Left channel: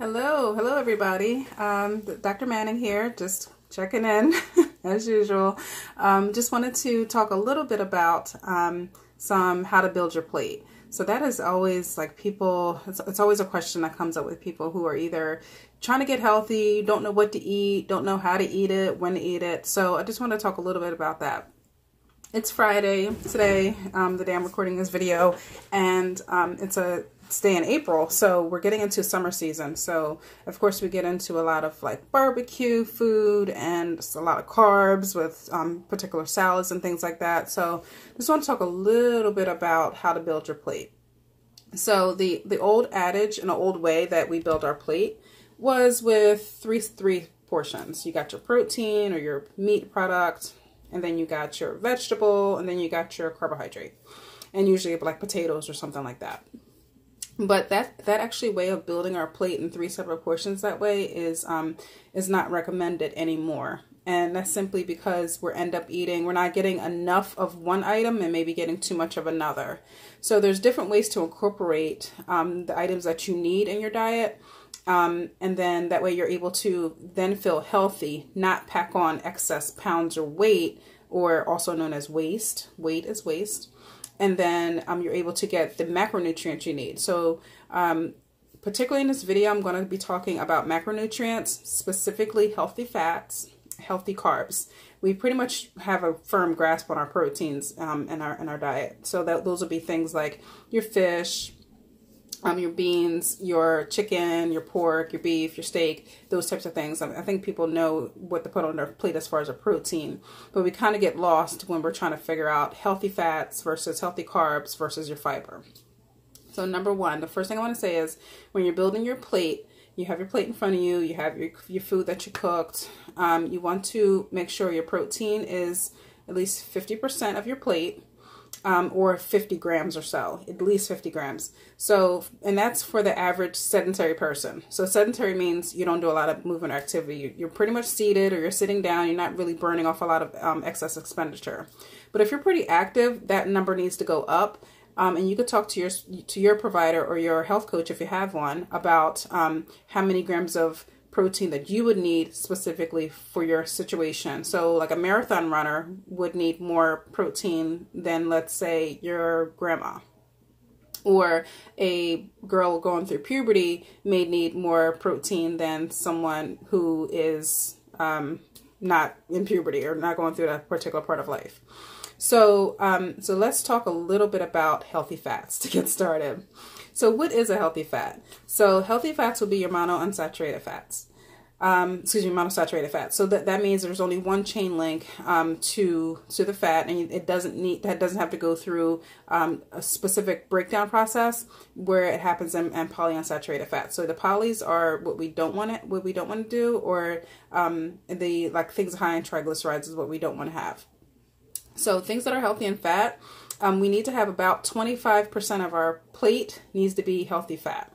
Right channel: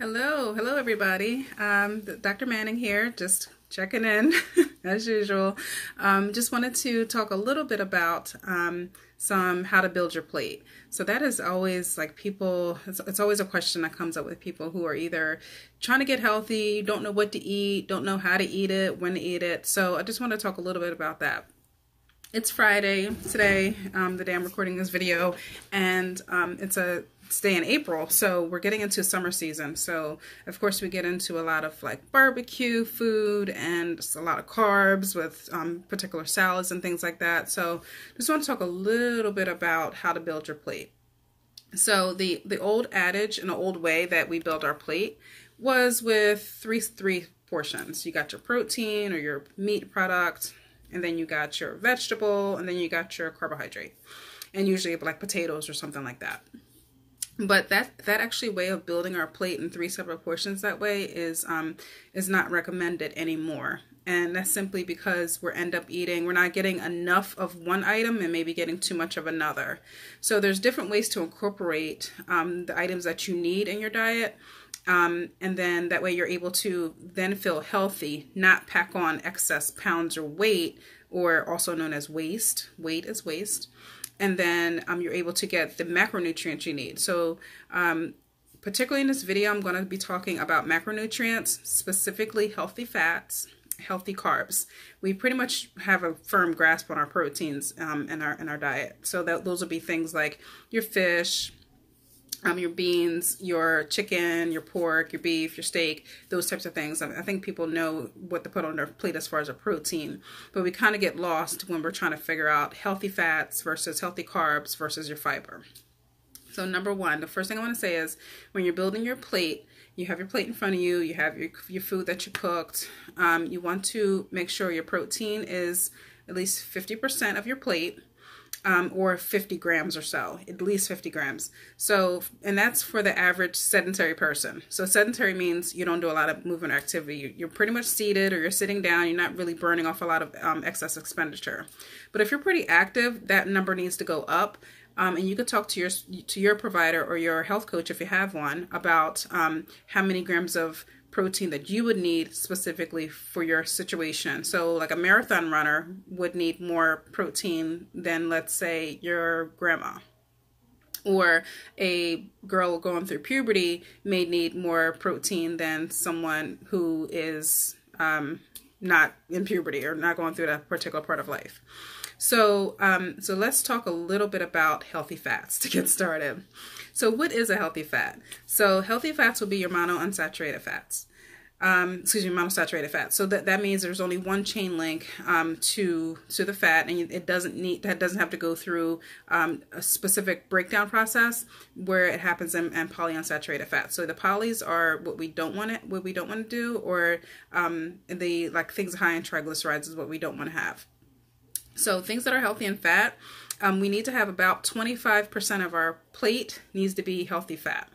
Hello everybody. Dr. Manning here, just checking in as usual. Just wanted to talk a little bit about some how to build your plate. So that is always like it's always a question that comes up with people who are either trying to get healthy, don't know what to eat, don't know how to eat it, when to eat it. So I just want to talk a little bit about that. It's Friday today, the day I'm recording this video, and it's a day in April, so we're getting into summer season. So of course we get into a lot of like barbecue food and a lot of carbs with particular salads and things like that. So just want to talk a little bit about how to build your plate. So the old adage and the old way that we build our plate was with three portions. You got your protein or your meat product, and then you got your vegetable, and then you got your carbohydrate, and usually like potatoes or something like that. But that actually way of building our plate in three separate portions that way is not recommended anymore. And that's simply because we're not getting enough of one item and maybe getting too much of another. So there's different ways to incorporate the items that you need in your diet. And then that way you're able to then feel healthy, not pack on excess pounds or weight, or also known as waste. Weight is waste. And then you're able to get the macronutrients you need. So particularly in this video, I'm going to be talking about macronutrients, specifically healthy fats, healthy carbs. We pretty much have a firm grasp on our proteins in our diet. So those will be things like your fish, your beans, your chicken, your pork, your beef, your steak, those types of things. I think people know what to put on their plate as far as a protein, but we kind of get lost when we're trying to figure out healthy fats versus healthy carbs versus your fiber. So number one, the first thing I want to say is when you're building your plate, you have your plate in front of you, you have your food that you cooked. You want to make sure your protein is at least 50% of your plate. Or 50 grams or so, at least 50 grams. So, and that's for the average sedentary person. So sedentary means you don't do a lot of movement or activity. You're pretty much seated or you're sitting down. You're not really burning off a lot of excess expenditure. But if you're pretty active, that number needs to go up. And you could talk to your provider or your health coach if you have one about how many grams of protein that you would need specifically for your situation. So like a marathon runner would need more protein than, let's say, your grandma. Or a girl going through puberty may need more protein than someone who is not in puberty or not going through that particular part of life. So let's talk a little bit about healthy fats to get started. So what is a healthy fat? So healthy fats will be your monounsaturated fats. Monosaturated fat. So that means there's only one chain link to the fat, and that doesn't have to go through a specific breakdown process where it happens in polyunsaturated fat. So the polys are what we don't want to do, or the like things high in triglycerides is what we don't want to have. So things that are healthy in fat, we need to have about 25% of our plate needs to be healthy fat.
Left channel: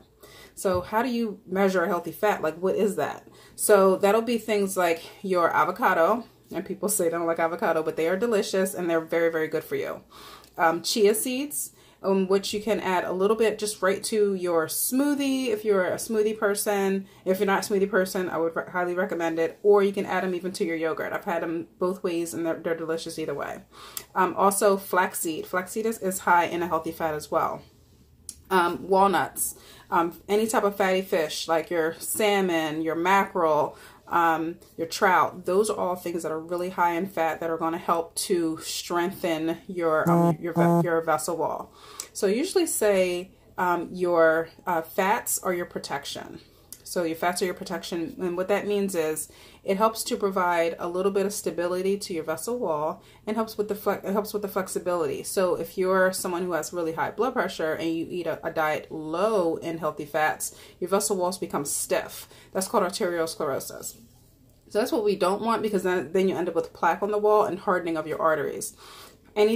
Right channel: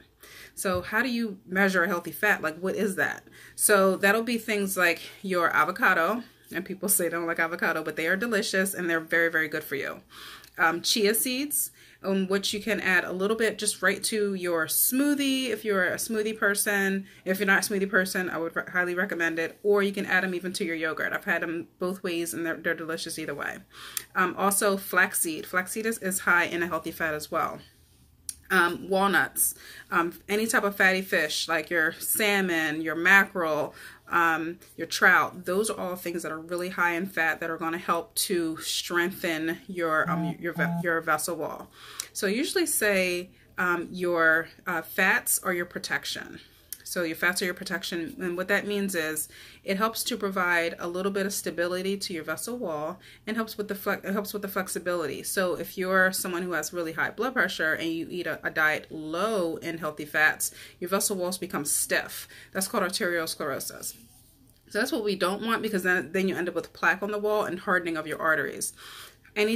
So how do you measure a healthy fat? Like, what is that? So that'll be things like your avocado, and people say they don't like avocado, but they are delicious and they're very, very good for you. Chia seeds, which you can add a little bit just right to your smoothie if you're a smoothie person. If you're not a smoothie person, I would highly recommend it. Or you can add them even to your yogurt. I've had them both ways and they're delicious either way. Also flaxseed. Flaxseed is high in a healthy fat as well. Walnuts, any type of fatty fish like your salmon, your mackerel, your trout. Those are all things that are really high in fat that are going to help to strengthen your vessel wall. So I usually say your fats are your protection. So your fats are your protection, and what that means is it helps to provide a little bit of stability to your vessel wall and helps with the flexibility. So if you're someone who has really high blood pressure and you eat a diet low in healthy fats, your vessel walls become stiff. That's called arteriosclerosis. So that's what we don't want, because then you end up with plaque on the wall and hardening of your arteries. And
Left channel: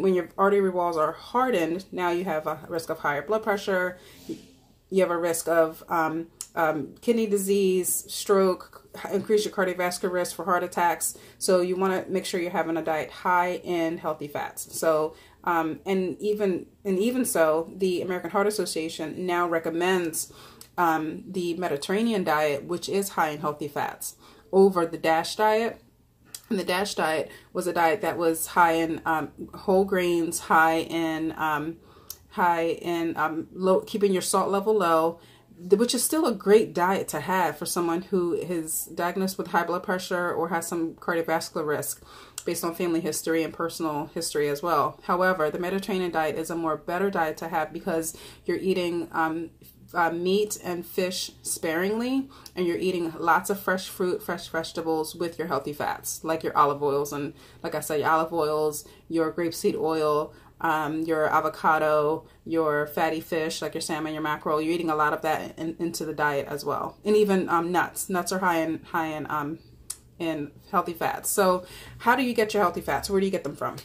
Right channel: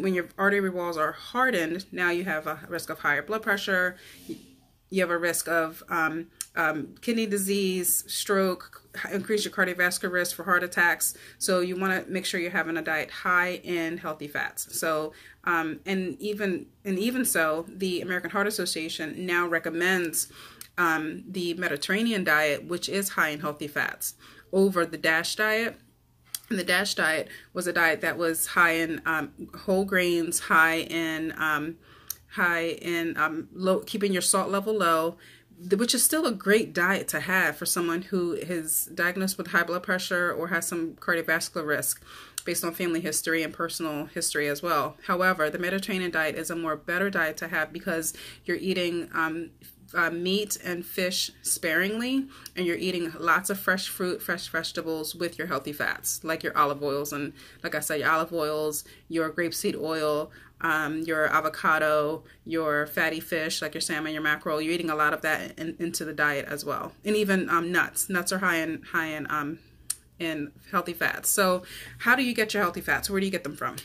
when your artery walls are hardened, now you have a risk of higher blood pressure. You have a risk of kidney disease, stroke, increase your cardiovascular risk for heart attacks. So you want to make sure you're having a diet high in healthy fats. So and even so, the American Heart Association now recommends the Mediterranean diet, which is high in healthy fats, over the DASH diet. And the DASH diet was a diet that was high in whole grains, high in low, keeping your salt level low, which is still a great diet to have for someone who is diagnosed with high blood pressure or has some cardiovascular risk based on family history and personal history as well. However, the Mediterranean diet is a more better diet to have because you're eating meat and fish sparingly, and you're eating lots of fresh fruit, fresh vegetables with your healthy fats, like your olive oils, and like I said, your olive oils, your grapeseed oil, your avocado, your fatty fish, like your salmon, your mackerel. You're eating a lot of that into the diet as well. And even nuts. Nuts are high in healthy fats. So how do you get your healthy fats? Where do you get them from?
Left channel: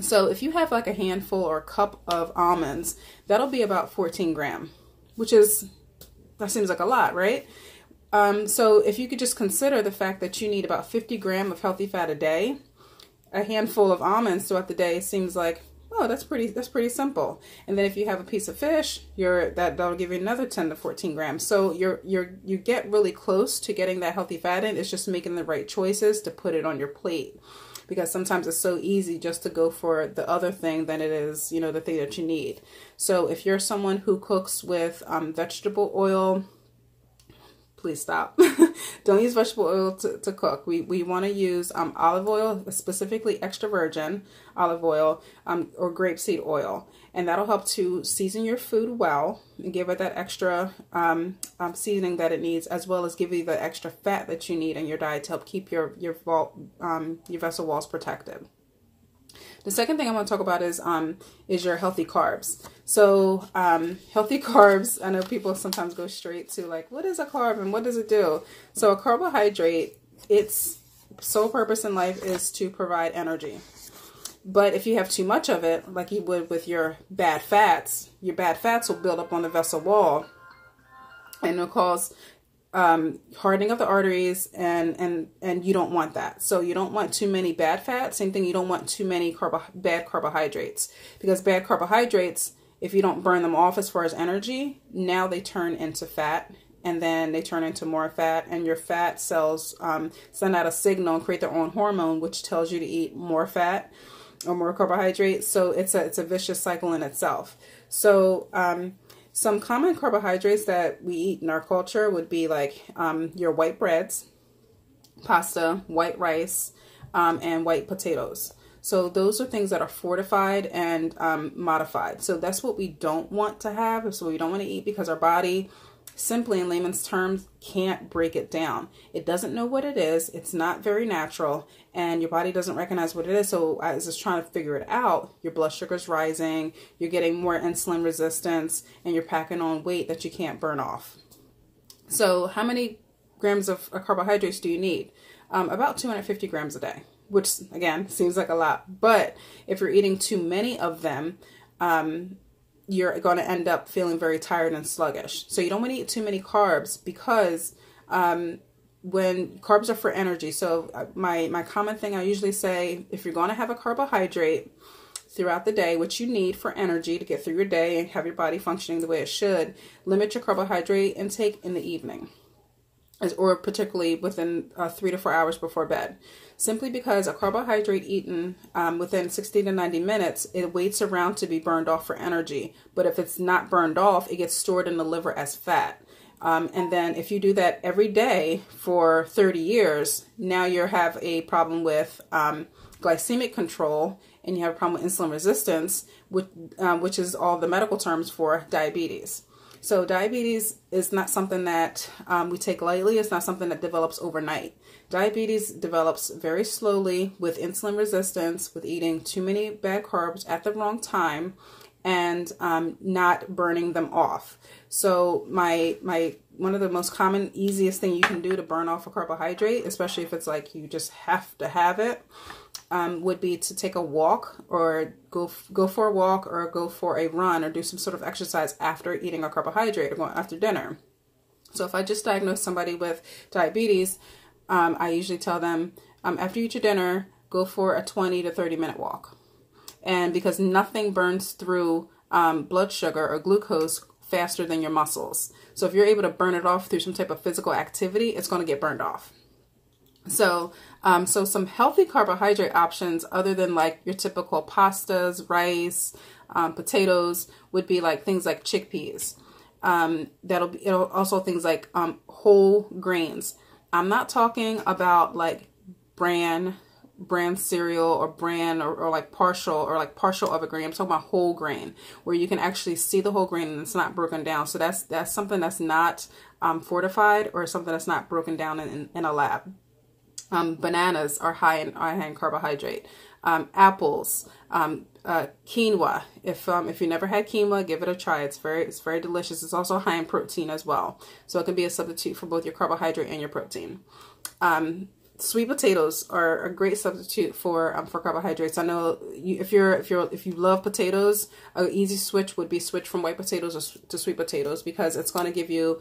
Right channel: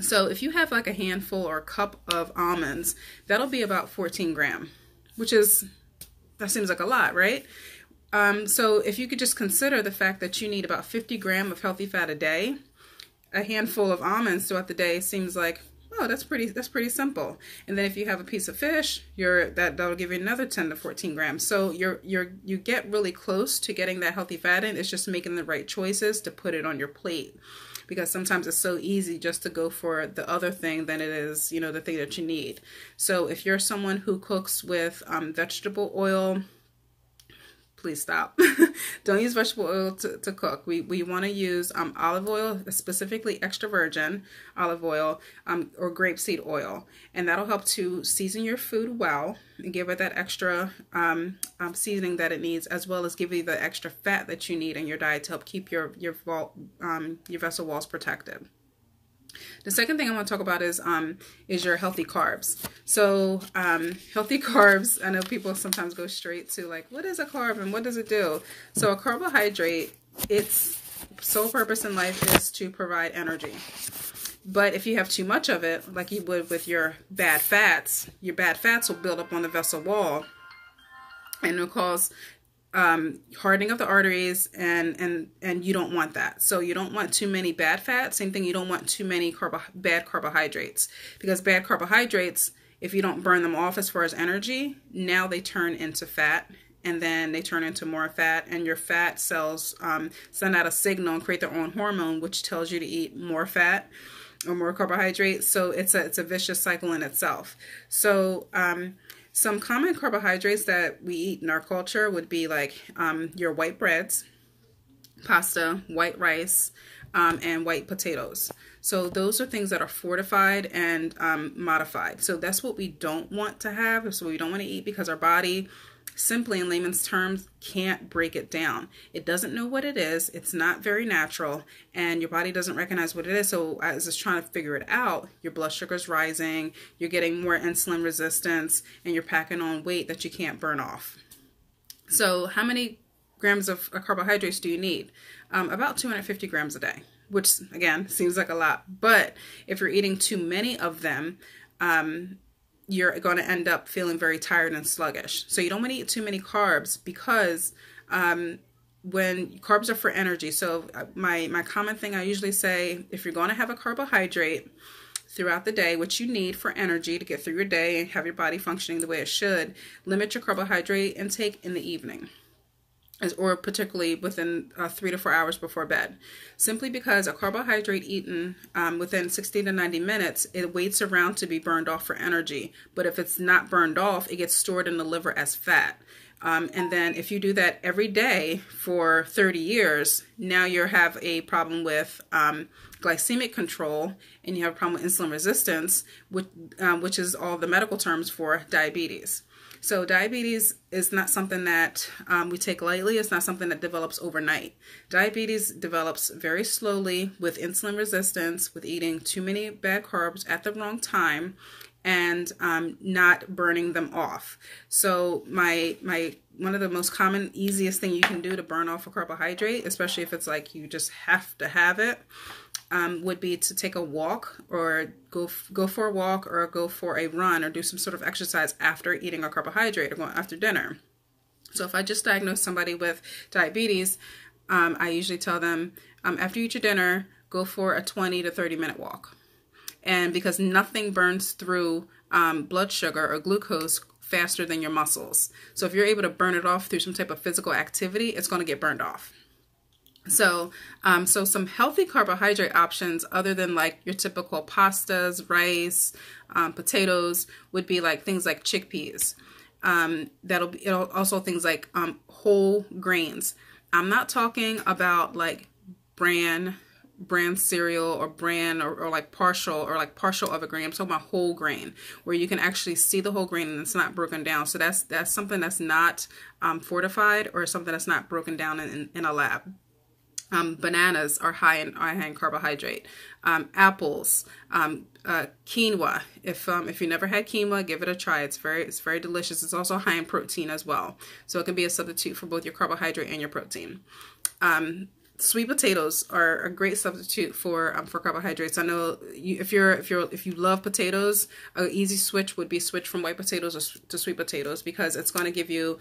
So if you have like a handful or a cup of almonds, that'll be about 14 grams, that seems like a lot, right? So if you could just consider the fact that you need about 50 grams of healthy fat a day, a handful of almonds throughout the day seems like, oh, that's pretty simple. And then if you have a piece of fish, that'll give you another 10 to 14 grams. So you get really close to getting that healthy fat in. It's just making the right choices to put it on your plate, because sometimes it's so easy just to go for the other thing than it is, the thing that you need. So if you're someone who cooks with vegetable oil, please stop. Don't use vegetable oil to cook. We want to use olive oil, specifically extra virgin olive oil, or grapeseed oil. And that'll help to season your food well and give it that extra seasoning that it needs, as well as give you the extra fat that you need in your diet to help keep your vessel walls protected. The second thing I want to talk about is your healthy carbs. So healthy carbs, I know people sometimes go straight to like, what is a carb and what does it do? So a carbohydrate, its sole purpose in life is to provide energy. But if you have too much of it, like you would with your bad fats will build up on the vessel wall, and it'll cause hardening of the arteries, and you don't want that. So you don't want too many bad fats. Same thing, you don't want too many bad carbohydrates, because bad carbohydrates, if you don't burn them off as far as energy, now they turn into fat, and then they turn into more fat, and your fat cells send out a signal and create their own hormone, which tells you to eat more fat or more carbohydrates. So it's a vicious cycle in itself. So some common carbohydrates that we eat in our culture would be like your white breads, pasta, white rice, and white potatoes. So those are things that are fortified and modified. So that's what we don't want to have. So we don't want to eat, because our body, simply in layman's terms, can't break it down. It doesn't know what it is. It's not very natural, and your body doesn't recognize what it is. So as it's trying to figure it out, your blood sugar's rising, you're getting more insulin resistance, and you're packing on weight that you can't burn off. So how many grams of carbohydrates do you need? About 250 grams a day, which again seems like a lot. But if you're eating too many of them, you're going to end up feeling very tired and sluggish. So you don't want to eat too many carbs, because when carbs are for energy. So my common thing I usually say, if you're going to have a carbohydrate throughout the day, which you need for energy to get through your day and have your body functioning the way it should, limit your carbohydrate intake in the evening, or particularly within 3 to 4 hours before bed. Simply because a carbohydrate eaten within 60 to 90 minutes, it waits around to be burned off for energy. But if it's not burned off, it gets stored in the liver as fat. And then if you do that every day for 30 years, now you have a problem with glycemic control, and you have a problem with insulin resistance, which is all the medical terms for diabetes. So diabetes is not something that we take lightly. It's not something that develops overnight. Diabetes develops very slowly with insulin resistance, with eating too many bad carbs at the wrong time, and not burning them off. So one of the most common, easiest thing you can do to burn off a carbohydrate, especially if it's like you just have to have it, would be to take a walk, or go for a walk, or go for a run, or do some sort of exercise after eating a carbohydrate, or going after dinner. So if I just diagnose somebody with diabetes, I usually tell them, after you eat your dinner, go for a 20 to 30 minute walk. And because nothing burns through blood sugar or glucose faster than your muscles. So if you're able to burn it off through some type of physical activity, it's going to get burned off. So, so some healthy carbohydrate options other than like your typical pastas, rice, potatoes would be like things like chickpeas. It'll also things like whole grains. I'm not talking about like bran cereal or bran or like partial of a grain. I'm talking about whole grain, where you can actually see the whole grain and it's not broken down. So that's something that's not fortified, or something that's not broken down in a lab. Bananas are high in carbohydrate. Apples, quinoa. If you never had quinoa, give it a try. It's very delicious. It's also high in protein as well, so it can be a substitute for both your carbohydrate and your protein. Sweet potatoes are a great substitute for carbohydrates. I know if you love potatoes, an easy switch would be switch from white potatoes to sweet potatoes, because it's going to give you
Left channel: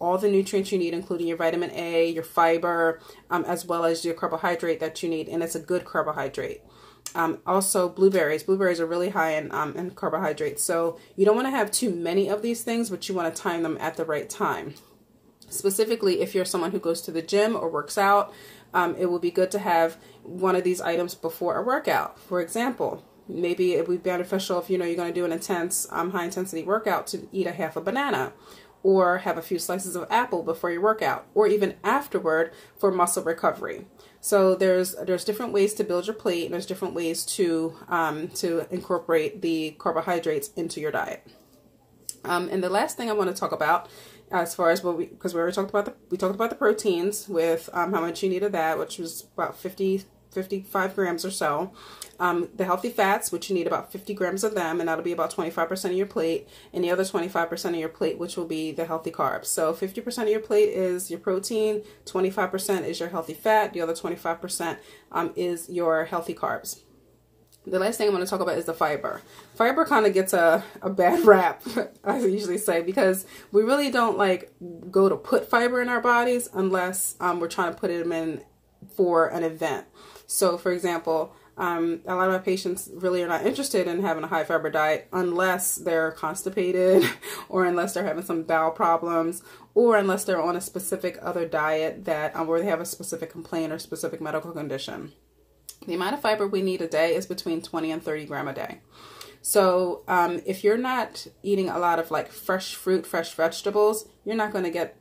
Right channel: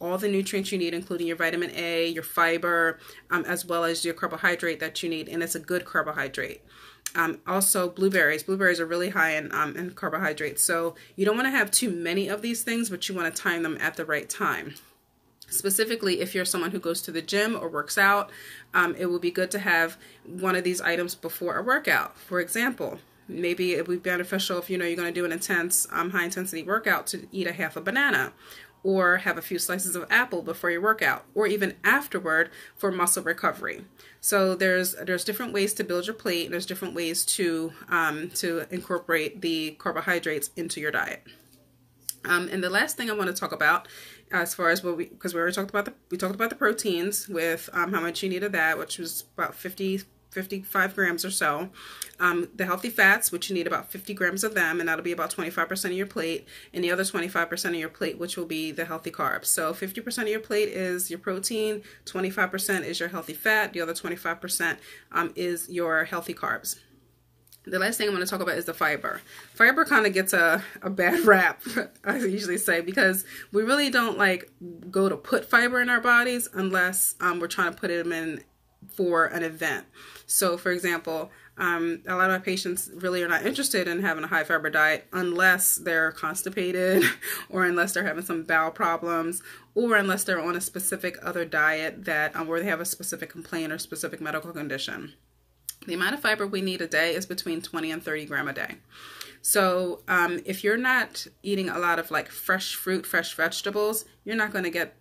all the nutrients you need, including your vitamin A, your fiber, as well as your carbohydrate that you need, and it's a good carbohydrate. Also blueberries. Blueberries are really high in carbohydrates, so you don't want to have too many of these things, but you want to time them at the right time. Specifically, if you're someone who goes to the gym or works out, it will be good to have one of these items before a workout. For example, maybe it would be beneficial if you're going to do an intense, high intensity workout to eat a half a banana, or have a few slices of apple before your workout, or even afterward for muscle recovery. So there's different ways to build your plate, and there's different ways to incorporate the carbohydrates into your diet. And the last thing I want to talk about, as far as because we already talked about the proteins with how much you need of that, which was about 55 grams or so. The healthy fats, which you need about 50 grams of them, and that'll be about 25% of your plate, and the other 25% of your plate, which will be the healthy carbs. So 50% of your plate is your protein, 25% is your healthy fat, the other 25% is your healthy carbs. The last thing I'm going to talk about is the fiber. Fiber kind of gets a bad rap, I usually say, because we really don't go to put fiber in our bodies unless we're trying to put them in for an event. So for example, a lot of my patients really are not interested in having a high fiber diet unless they're constipated, or unless they're having some bowel problems, or unless they're on a specific other diet that where they have a specific complaint or specific medical condition. The amount of fiber we need a day is between 20 and 30 grams a day. So if you're not eating a lot of fresh fruit, fresh vegetables, you're not going to get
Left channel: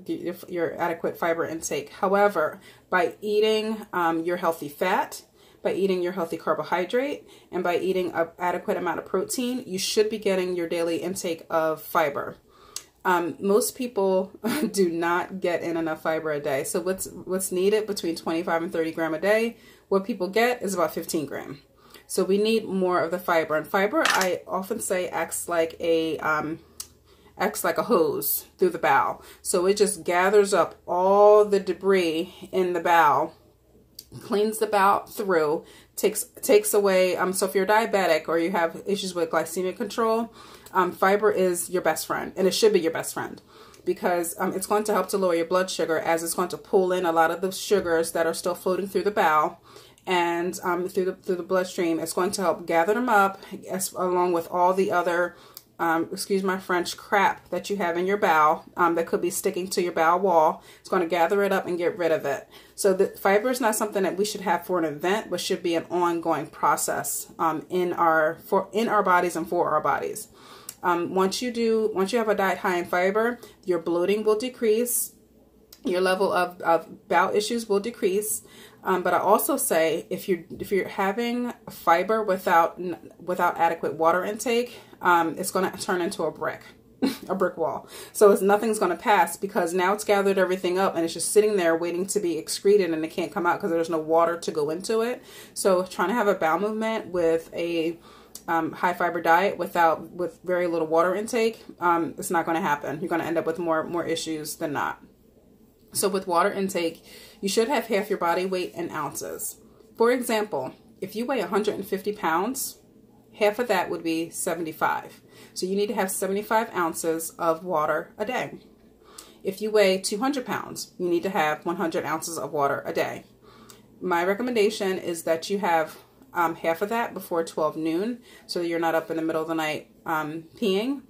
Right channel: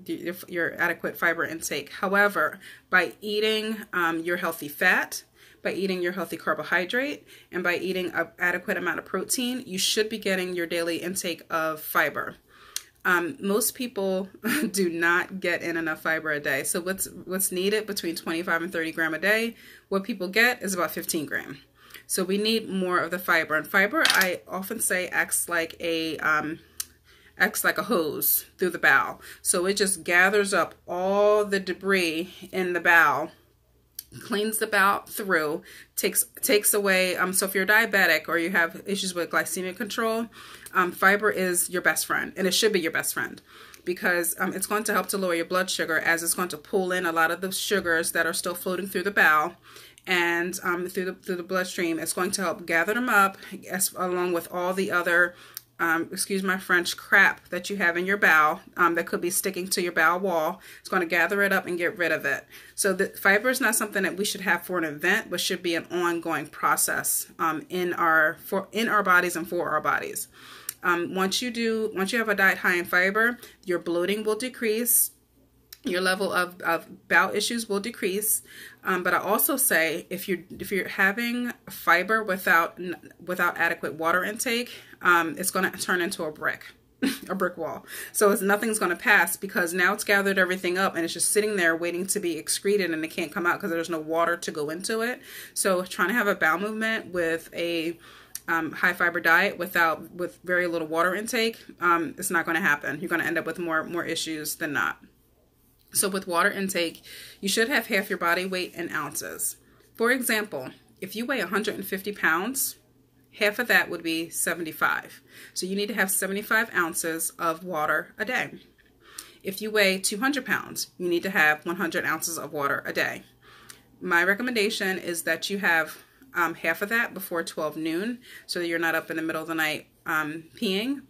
your adequate fiber intake. However, by eating your healthy fat, by eating your healthy carbohydrate, and by eating an adequate amount of protein, you should be getting your daily intake of fiber. Most people do not get in enough fiber a day. So what's needed between 25 and 30 grams a day, what people get is about 15 grams. So we need more of the fiber. And fiber, I often say, acts like a hose through the bowel. So it just gathers up all the debris in the bowel, cleans the bowel through, takes away, so if you're diabetic or you have issues with glycemic control, fiber is your best friend, and it should be your best friend, because it's going to help to lower your blood sugar, as it's going to pull in a lot of the sugars that are still floating through the bowel and through the bloodstream. It's going to help gather them up, along with all the other excuse my French, crap that you have in your bowel that could be sticking to your bowel wall. It's going to gather it up and get rid of it. So the fiber is not something that we should have for an event, but should be an ongoing process in our bodies and for our bodies. Once you have a diet high in fiber, your bloating will decrease, your level of bowel issues will decrease. But I also say if you're having fiber without adequate water intake, it's going to turn into a brick wall. So nothing's going to pass, because now it's gathered everything up and it's just sitting there waiting to be excreted, and it can't come out because there's no water to go into it. So trying to have a bowel movement with a high fiber diet with very little water intake, it's not going to happen. You're going to end up with more issues than not. So with water intake, you should have half your body weight in ounces. For example, if you weigh 150 pounds, half of that would be 75. So you need to have 75 ounces of water a day. If you weigh 200 pounds, you need to have 100 ounces of water a day. My recommendation is that you have half of that before 12 noon, so that you're not up in the middle of the night peeing,